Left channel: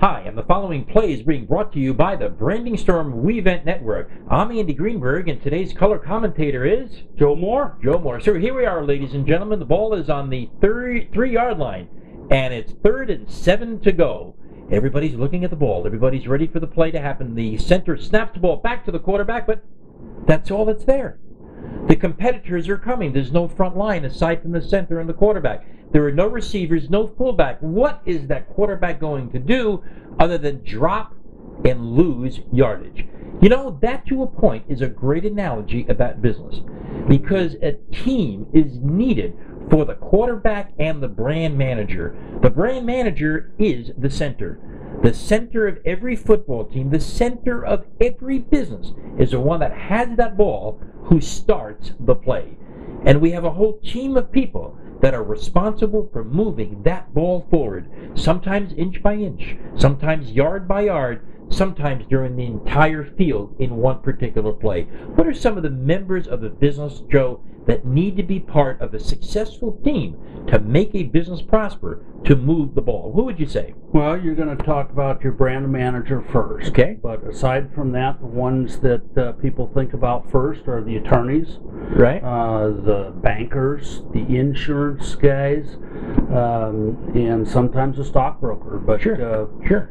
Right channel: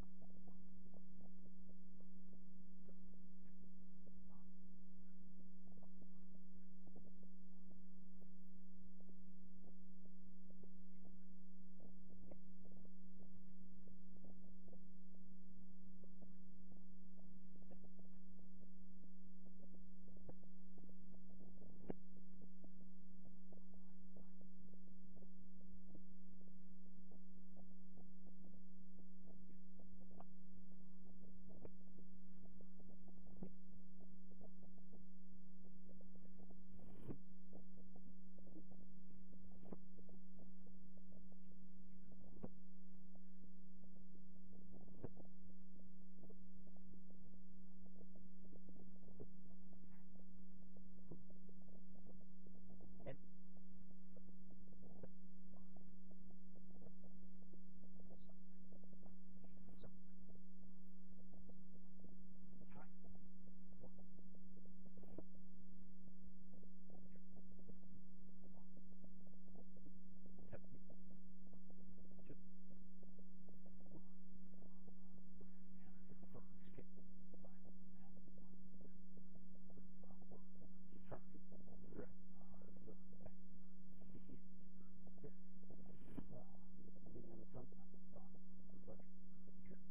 Hi, and the following play is being brought to you by the Branding Storm WeVent Network. I'm Andy Greenberg, and today's color commentator is Joe Moore. Joe Moore. So here we are, ladies and gentlemen. The ball is on the 3-yard line, and it's 3rd and 7 to go. Everybody's looking at the ball. Everybody's ready for the play to happen. The center snaps the ball back to the quarterback, but that's all that's there. The competitors are coming. There's no front line aside from the center and the quarterback. There are no receivers, no fullback. What is that quarterback going to do other than drop and lose yardage? You know, that to a point is a great analogy about business, because a team is needed for the quarterback and the brand manager. The brand manager is the center. The center of every football team, the center of every business, is the one that has that ball, who starts the play. And we have a whole team of people that are responsible for moving that ball forward, sometimes inch by inch, sometimes yard by yard, sometimes during the entire field in one particular play. What are some of the members of the business, Joe, that need to be part of a successful team to make a business prosper, to move the ball? Who would you say? Well, you're going to talk about your brand manager first. Okay. But aside from that, the ones that people think about first are the attorneys, Right. The bankers, the insurance guys, and sometimes a stockbroker. But Sure.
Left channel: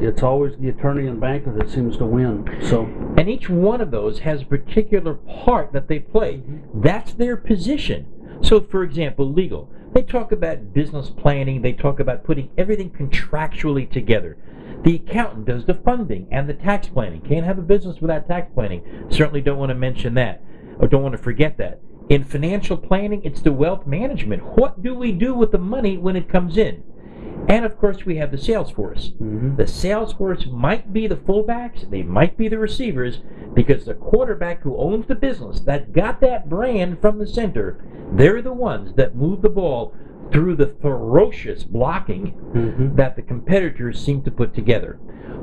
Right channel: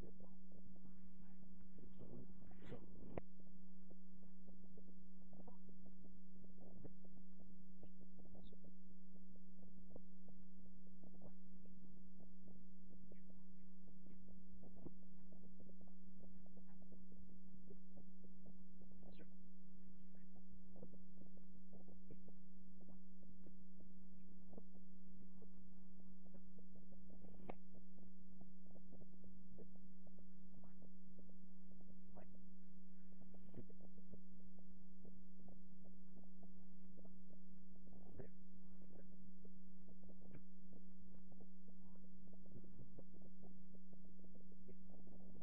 it's always the attorney and banker that seems to win. So, And each one of those has a particular part that they play. That's their position. So, for example, legal. They talk about business planning. They talk about putting everything contractually together. The accountant does the funding and the tax planning. Can't have a business without tax planning. Certainly don't want to mention that, or don't want to forget that. In financial planning, it's the wealth management. What do we do with the money when it comes in? And of course, we have the sales force. The sales force might be the fullbacks, they might be the receivers, because the quarterback who owns the business, that got that brand from the center, they're the ones that move the ball through the ferocious blocking that the competitors seem to put together.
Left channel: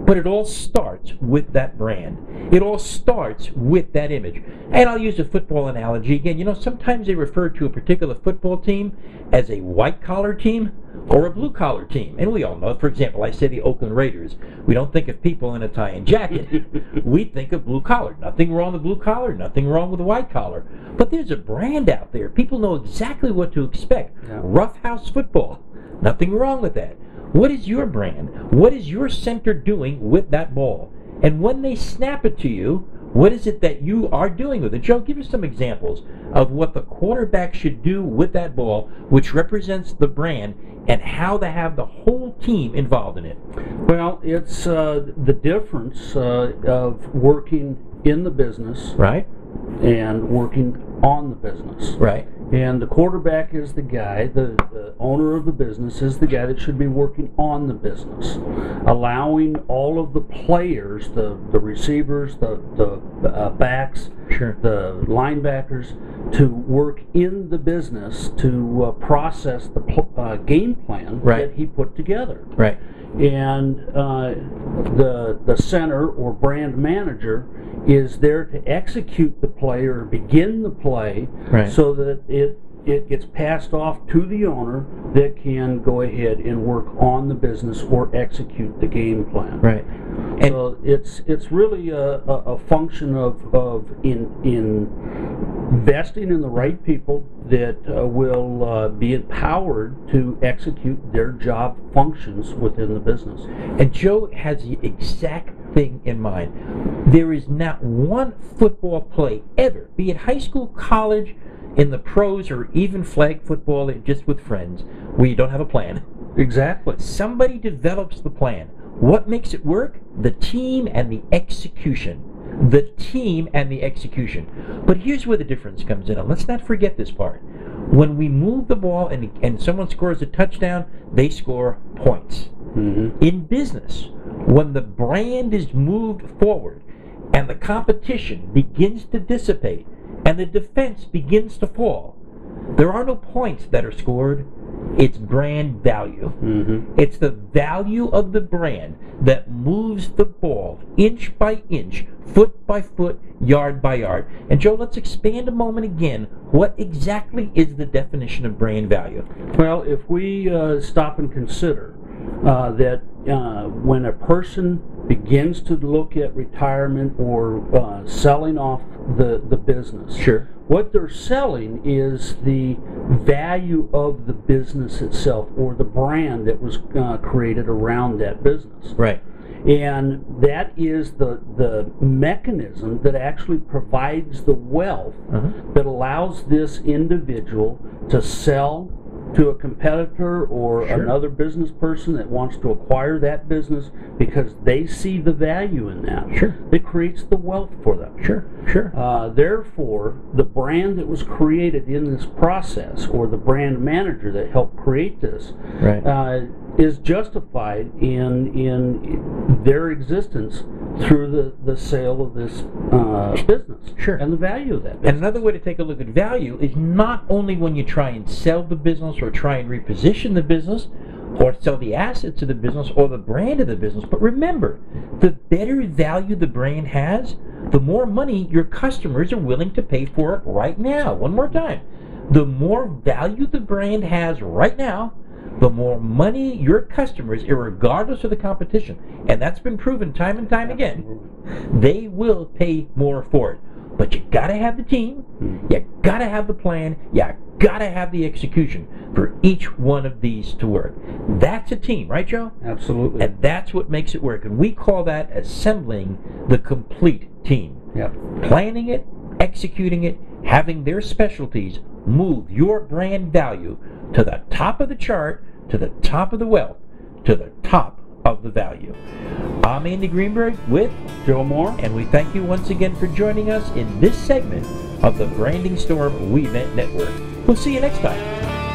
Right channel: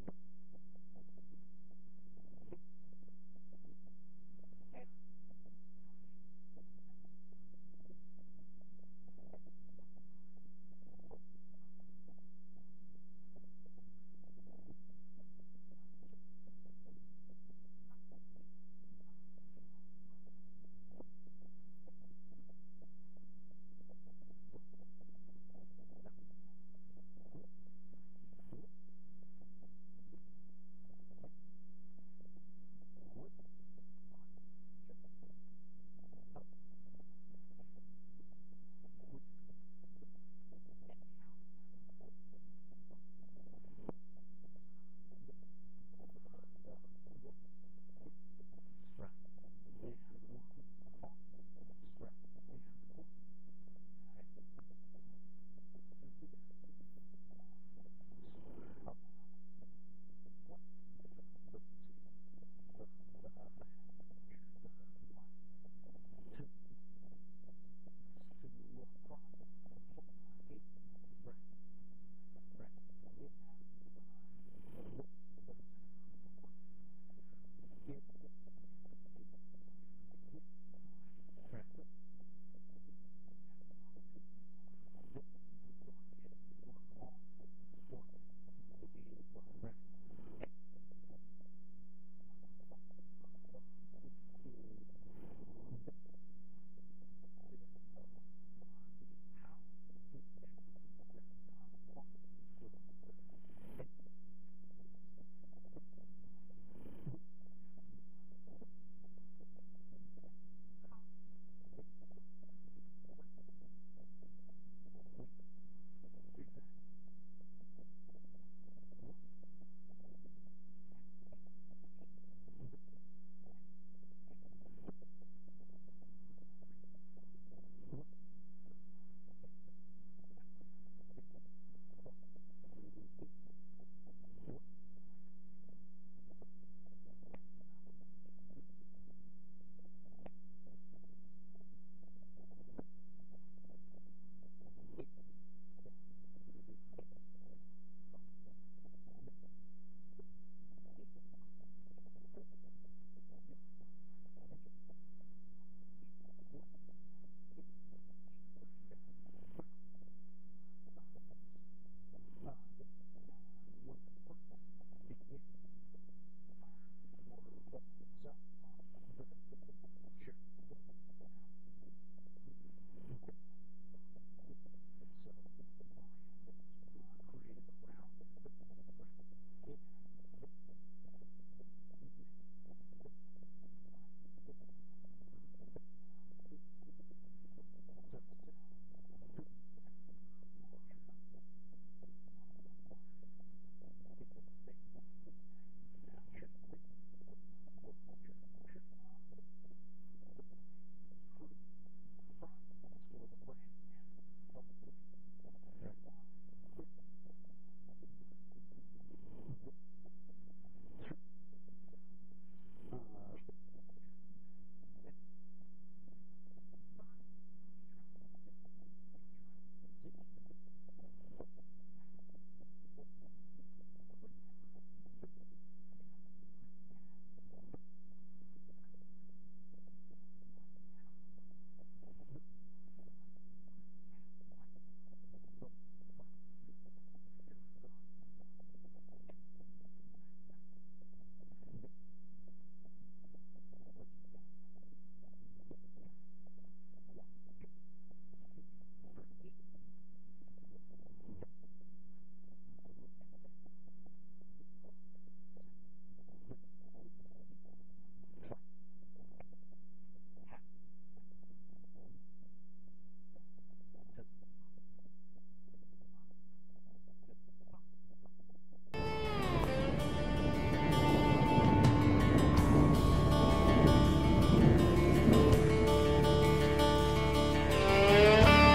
But it all starts with that brand. It all starts with that image. And I'll use a football analogy again. You know, sometimes they refer to a particular football team as a white-collar team or a blue-collar team. And we all know, for example, I say the Oakland Raiders. We don't think of people in a tie and jacket. We think of blue-collar. Nothing wrong with blue-collar, nothing wrong with white-collar. But there's a brand out there. People know exactly what to expect. Yeah. Roughhouse football. Nothing wrong with that. What is your brand? What is your center doing with that ball? And when they snap it to you, what is it that you are doing with it? Joe, give us some examples of what the quarterback should do with that ball, which represents the brand, and how to have the whole team involved in it. well, it's the difference of working in the business Right? and working on the business. Right. And the quarterback is the guy, the owner of the business is the guy that should be working on the business, allowing all of the players, the receivers, the backs, Sure. the linebackers, to work in the business to process the game plan Right. that he put together. Right. And the center or brand manager is there to execute the play or begin the play, Right. so that it gets passed off to the owner that can go ahead and work on the business or execute the game plan. Right. And So it's really a function of investing in the right people that will be empowered to execute their job functions within the business. And Joe has the exact thing in mind. There is not one football play ever, be it high school, college, in the pros, or even flag football just with friends, where you don't have a plan. Exactly. Somebody develops the plan. What makes it work? The team and the execution. The team and the execution. But here's where the difference comes in, and let's not forget this part. When we move the ball and someone scores a touchdown, they score points. In business, when the brand is moved forward and the competition begins to dissipate and the defense begins to fall, there are no points that are scored. It's brand value. It's the value of the brand that moves the ball inch by inch, foot by foot, yard by yard. And Joe, let's expand a moment again. What exactly is the definition of brand value? Well, if we stop and consider that when a person begins to look at retirement or selling off the business, Sure. what they're selling is the value of the business itself, or the brand that was created around that business. Right. And that is the mechanism that actually provides the wealth that allows this individual to sell to a competitor or Sure. another business person that wants to acquire that business because they see the value in that. Sure. It creates the wealth for them. Sure. Sure. Therefore, the brand that was created in this process, or the brand manager that helped create this, Right. is justified in their existence through the sale of this business. Sure. And the value of that And business. another way to take a look at value is not only when you try and sell the business or try and reposition the business or sell the assets of the business or the brand of the business, but remember, the better value the brand has, the more money your customers are willing to pay for it right now. One more time. The more value the brand has right now, the more money your customers, irregardless of the competition, and that's been proven time and time again, they will pay more for it. But you gotta have the team, you gotta have the plan, you gotta have the execution for each one of these to work. That's a team, right, Joe? Absolutely. And that's what makes it work. And we call that assembling the complete team. Yep. Planning it, executing it, having their specialties move your brand value to the top of the chart, to the top of the wealth, to the top of the value. I'm Andy Greenberg with Joe Moore. and we thank you once again for joining us in this segment of the Branding Storm WeVent Network. We'll see you next time.